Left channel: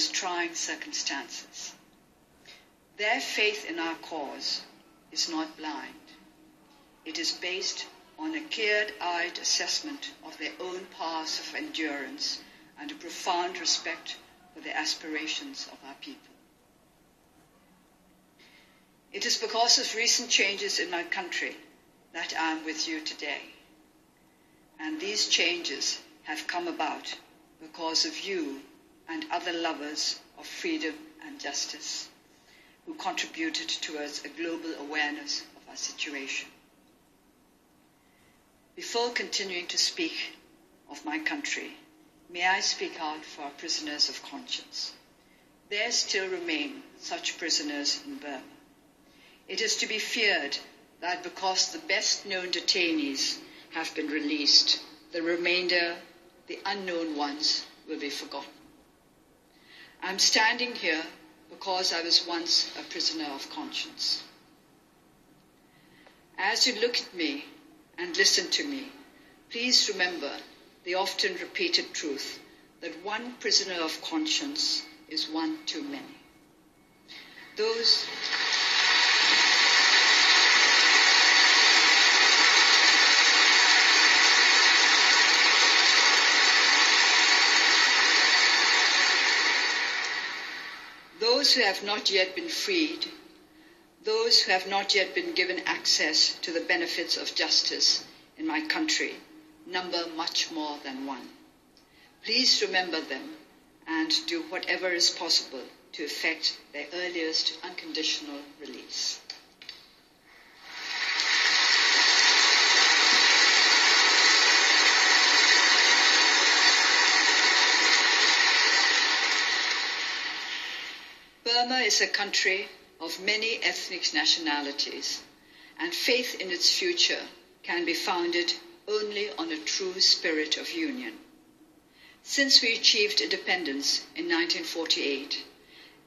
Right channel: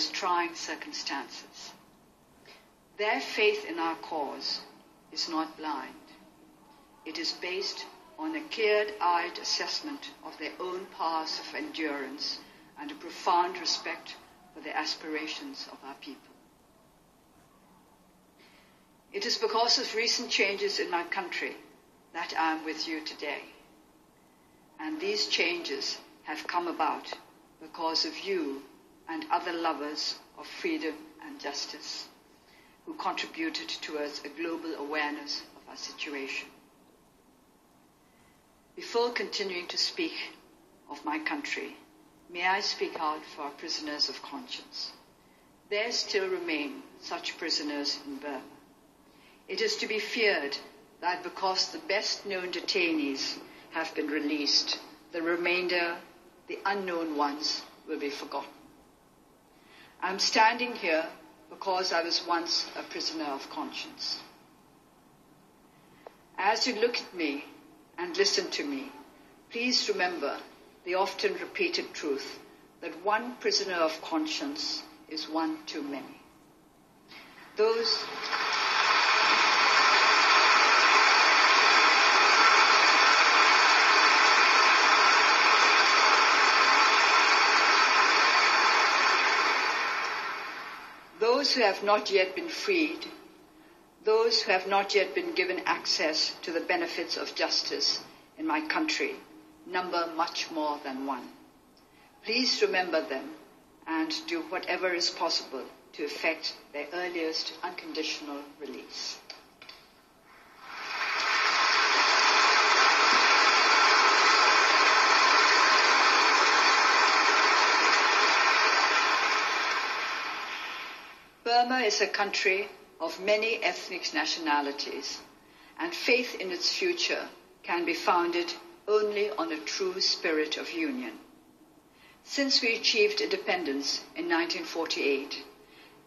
most trying circumstances. Their faith in our cause is not blind. It is based on a clear-eyed assessment of their own powers of endurance and a profound respect for the aspirations of our people. It is because of recent changes in my country that I am with you today. And these changes have come about because of you and other lovers of freedom and justice who contributed towards a global awareness of our situation. Before continuing to speak of my country, may I speak out for our prisoners of conscience. There still remain such prisoners in Burma. It is to be feared that because the best-known detainees have been released, the remainder, the unknown ones, will be forgotten. I'm standing here because I was once a prisoner of conscience. As you look at me and listen to me, please remember the often repeated truth that one prisoner of conscience is one too many. Those who have not yet been freed, those who have not yet been given access to the benefits of justice in my country, number much more than one. Please remember them and do whatever is possible to effect their earliest unconditional release. Burma is a country of many ethnic nationalities, and faith in its future can be founded only on a true spirit of union. Since we achieved independence in 1948,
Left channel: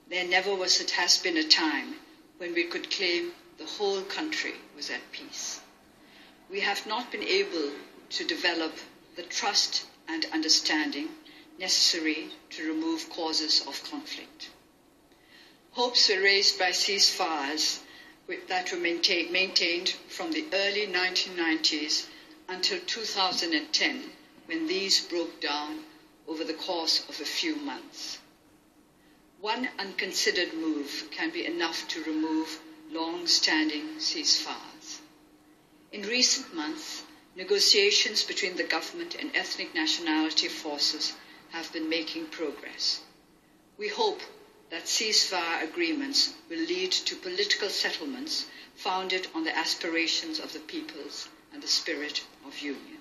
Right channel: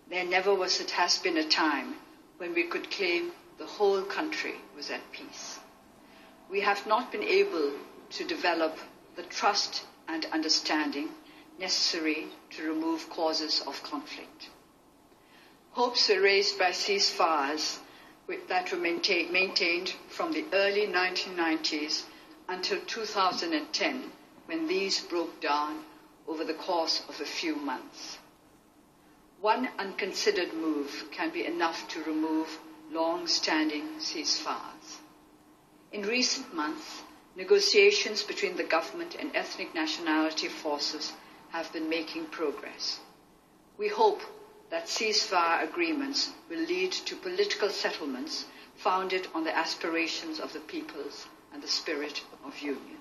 there never has been a time when we could claim the whole country was at peace. We have not been able to develop the trust and understanding necessary to remove causes of conflict. Hopes were raised by ceasefires that were maintained from the early 1990s until 2010, when these broke down over the course of a few months. One unconsidered move can be enough to remove long-standing ceasefires. In recent months, negotiations between the government and ethnic nationality forces have been making progress. We hope that ceasefire agreements will lead to political settlements founded on the aspirations of the peoples and the spirit of union.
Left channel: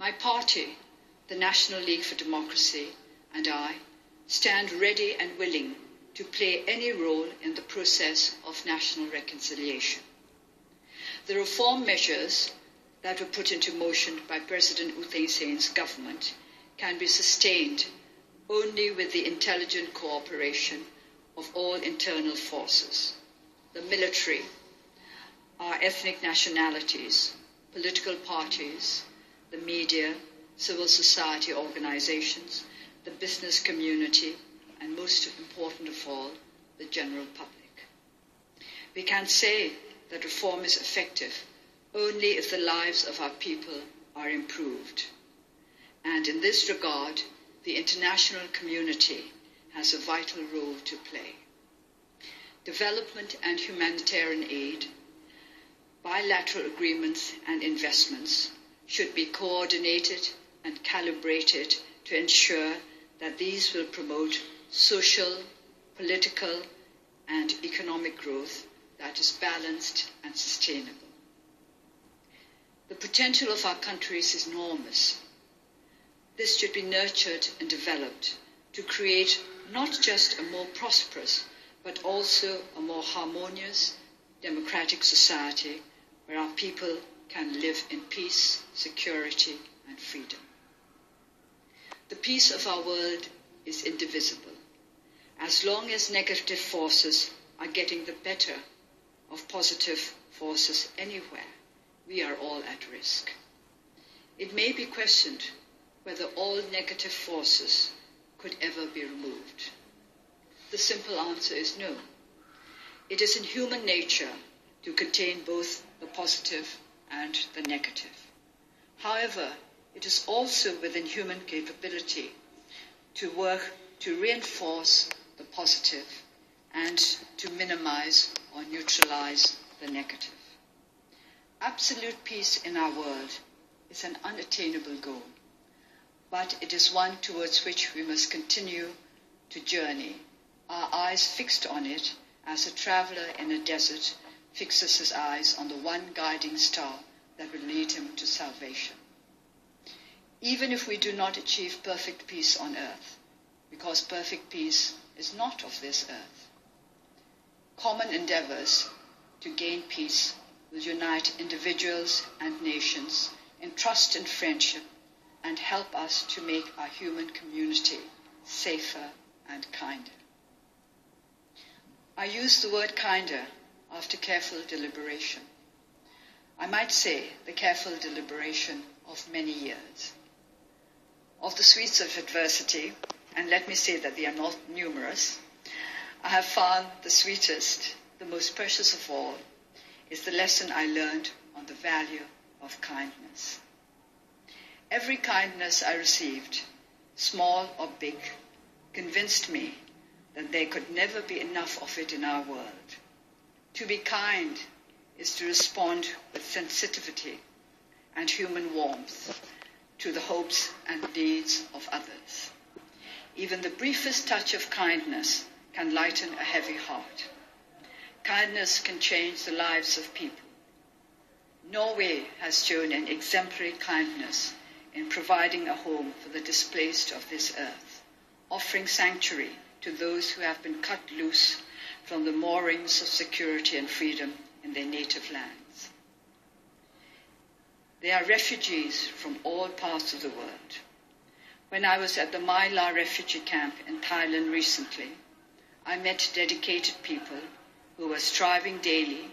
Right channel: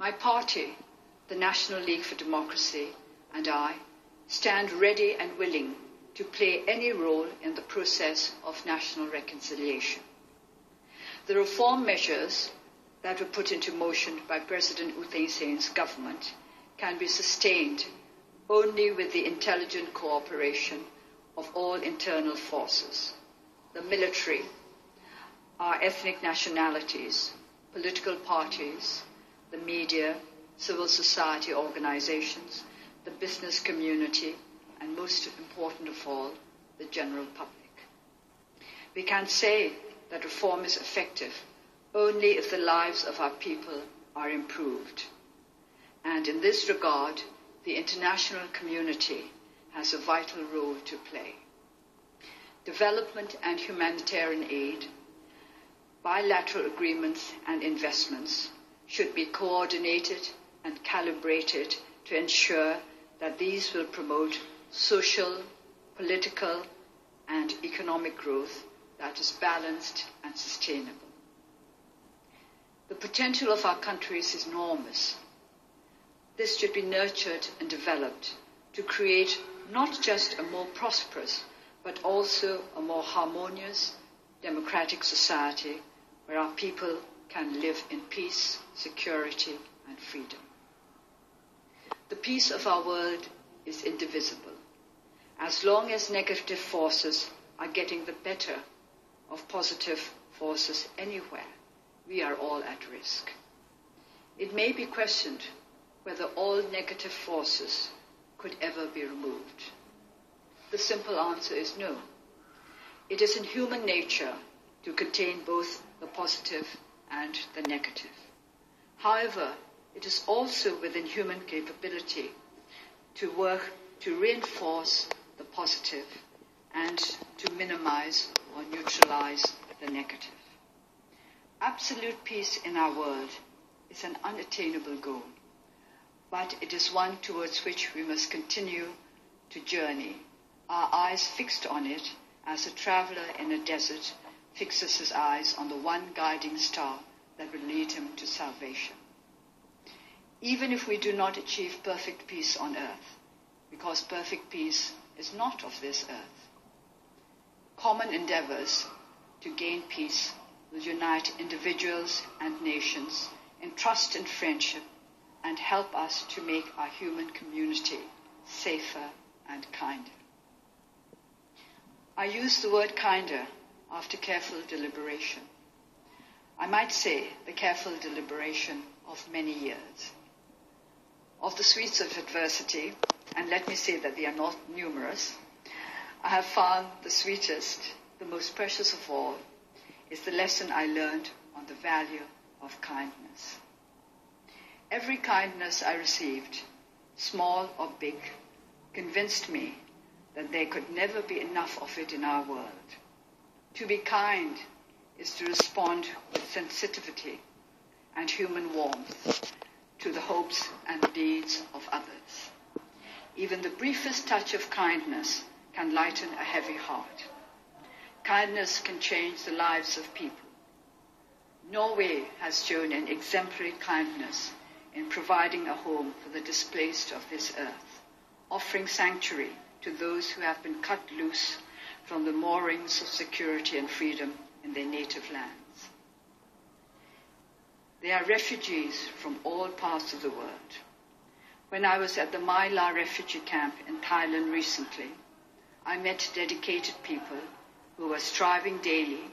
My party, the National League for Democracy, and I stand ready and willing to play any role in the process of national reconciliation. The reform measures that were put into motion by President U Thein Sein's government can be sustained only with the intelligent cooperation of all internal forces, the military, our ethnic nationalities, political parties, the media, civil society organizations, the business community, and most important of all, the general public. We can say that reform is effective only if the lives of our people are improved. And in this regard, the international community has a vital role to play. Development and humanitarian aid, bilateral agreements and investments should be coordinated and calibrated to ensure that these will promote social, political, and economic growth that is balanced and sustainable. The potential of our countries is enormous. This should be nurtured and developed to create not just a more prosperous, but also a more harmonious, democratic society where our people can live in peace, security, and freedom. The peace of our world is indivisible. As long as negative forces are getting the better of positive forces anywhere, we are all at risk. It may be questioned whether all negative forces could ever be removed? The simple answer is no. It is in human nature to contain both the positive and the negative. However, it is also within human capability to work to reinforce the positive and to minimize or neutralize the negative. Absolute peace in our world is an unattainable goal, but it is one towards which we must continue to journey, our eyes fixed on it as a traveler in a desert fixes his eyes on the one guiding star that will lead him to salvation. Even if we do not achieve perfect peace on earth, because perfect peace is not of this earth, common endeavors to gain peace will unite individuals and nations in trust and friendship and help us to make our human community safer and kinder. I use the word kinder after careful deliberation. I might say the careful deliberation of many years. Of the sweets of adversity, and let me say that they are not numerous, I have found the sweetest, the most precious of all, is the lesson I learned on the value of kindness. Every kindness I received, small or big, convinced me that there could never be enough of it in our world. To be kind is to respond with sensitivity and human warmth to the hopes and needs of others. Even the briefest touch of kindness can lighten a heavy heart. Kindness can change the lives of people. Norway has shown an exemplary kindness in providing a home for the displaced of this earth, offering sanctuary to those who have been cut loose from the moorings of security and freedom in their native lands. They are refugees from all parts of the world. When I was at the My La refugee camp in Thailand recently, I met dedicated people who were striving daily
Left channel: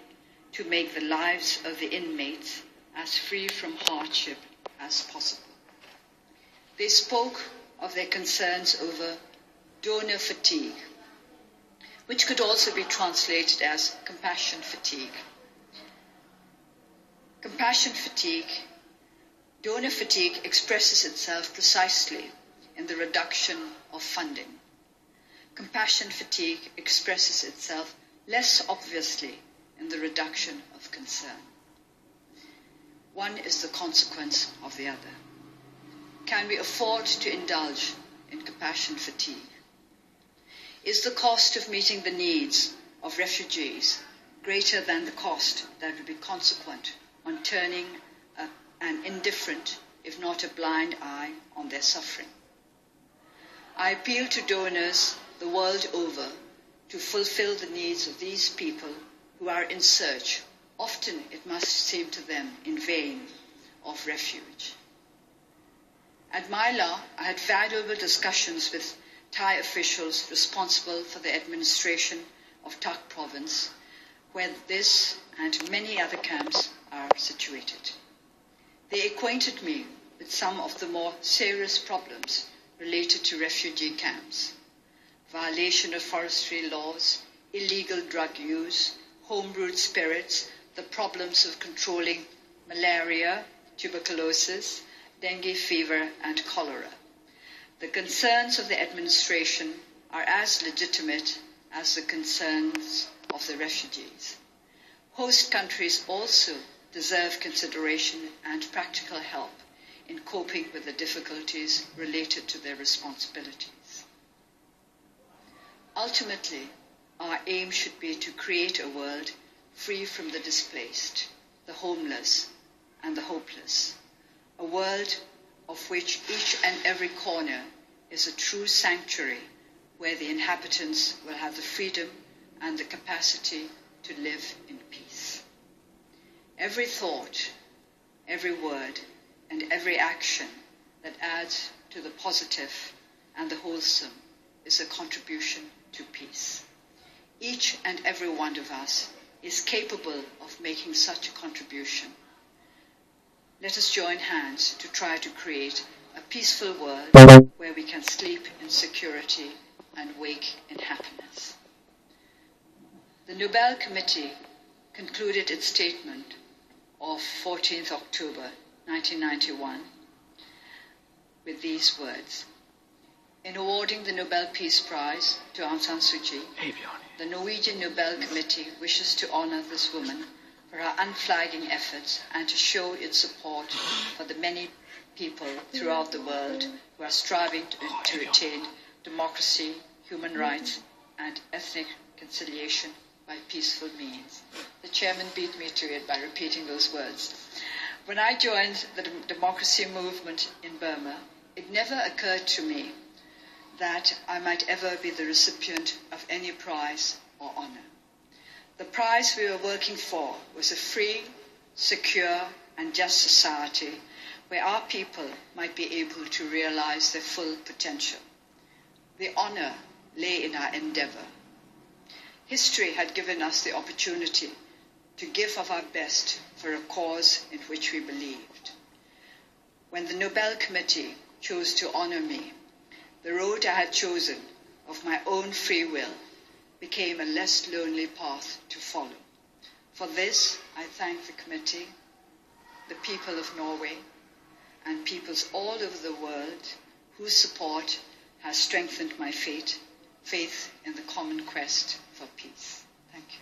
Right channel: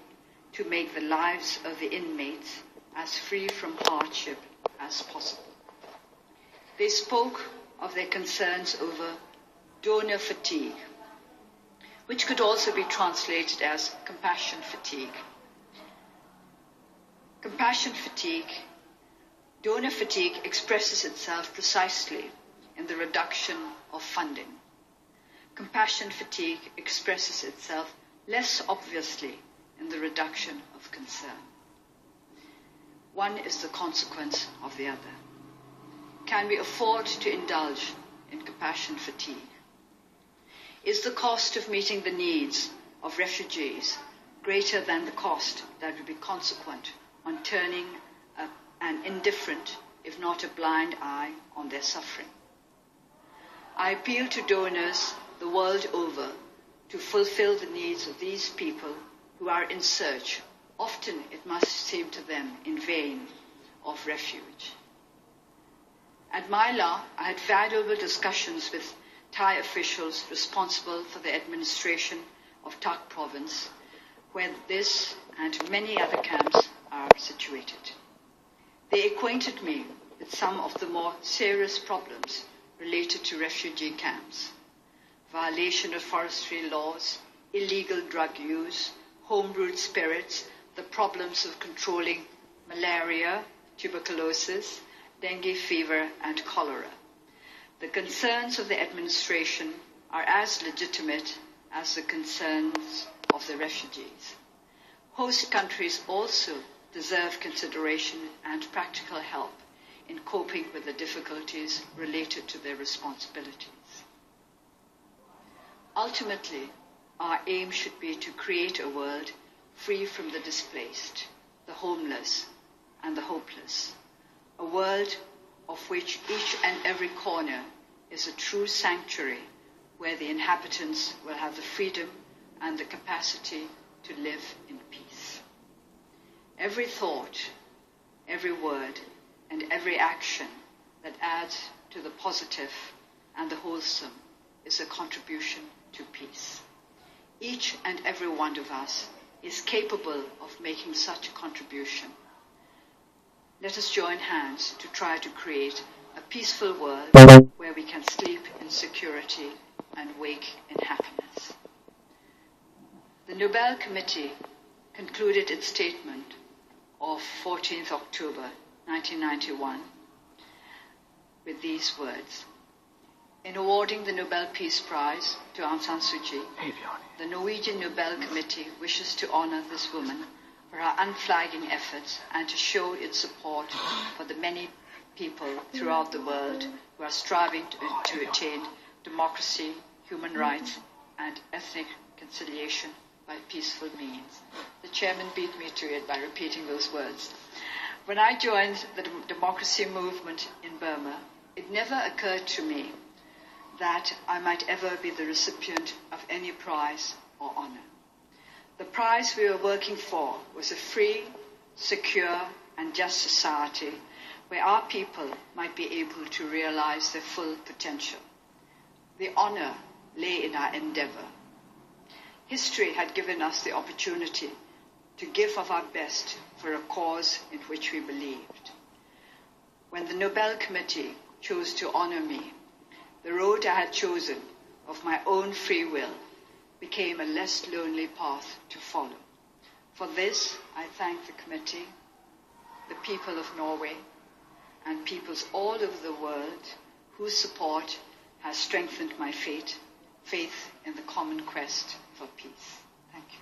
to make the lives of the inmates as free from hardship as possible. They spoke of their concerns over donor fatigue, which could also be translated as compassion fatigue. Compassion fatigue, donor fatigue expresses itself precisely in the reduction of funding. Compassion fatigue expresses itself less obviously in the reduction of concern. One is the consequence of the other. Can we afford to indulge in compassion fatigue? Is the cost of meeting the needs of refugees greater than the cost that would be consequent on turning an indifferent, if not a blind eye on their suffering? I appeal to donors the world over to fulfill the needs of these people who are in search, often it must seem to them in vain, of refuge. At My La, I had valuable discussions with Thai officials responsible for the administration of Tak province, where this and many other camps are situated. They acquainted me with some of the more serious problems related to refugee camps: violation of forestry laws, illegal drug use, home-brewed spirits, the problems of controlling malaria, tuberculosis, dengue fever, and cholera. The concerns of the administration are as legitimate as the concerns of the refugees. Host countries also deserve consideration and practical help in coping with the difficulties related to their responsibilities. Ultimately, our aim should be to create a world free from the displaced, the homeless, and the hopeless, a world of which each and every corner is a true sanctuary where the inhabitants will have the freedom and the capacity to live in peace. Every thought, every word, and every action that adds to the positive and the wholesome is a contribution to peace. Each and every one of us is capable of making such a contribution. Let us join hands to try to create a peaceful world where we can sleep in security and wake in happiness. The Nobel Committee concluded its statement of 14th October 1991 with these words. In awarding the Nobel Peace Prize to Aung San Suu Kyi, the Norwegian Nobel Committee wishes to honor this woman for her unflagging efforts and to show its support for the many people throughout the world who are striving to attain democracy, human rights, and ethnic conciliation by peaceful means. The chairman beat me to it by repeating those words. When I joined the democracy movement in Burma, it never occurred to me that I might ever be the recipient of any prize or honor. The prize we were working for was a free, secure, and just society where our people might be able to realize their full potential. The honor lay in our endeavor. History had given us the opportunity to give of our best for a cause in which we believed. When the Nobel Committee chose to honor me, the road I had chosen of my own free will became a less lonely path to follow. For this, I thank the committee, the people of Norway, and peoples all over the world whose support has strengthened my faith in the common quest for peace. Thank you.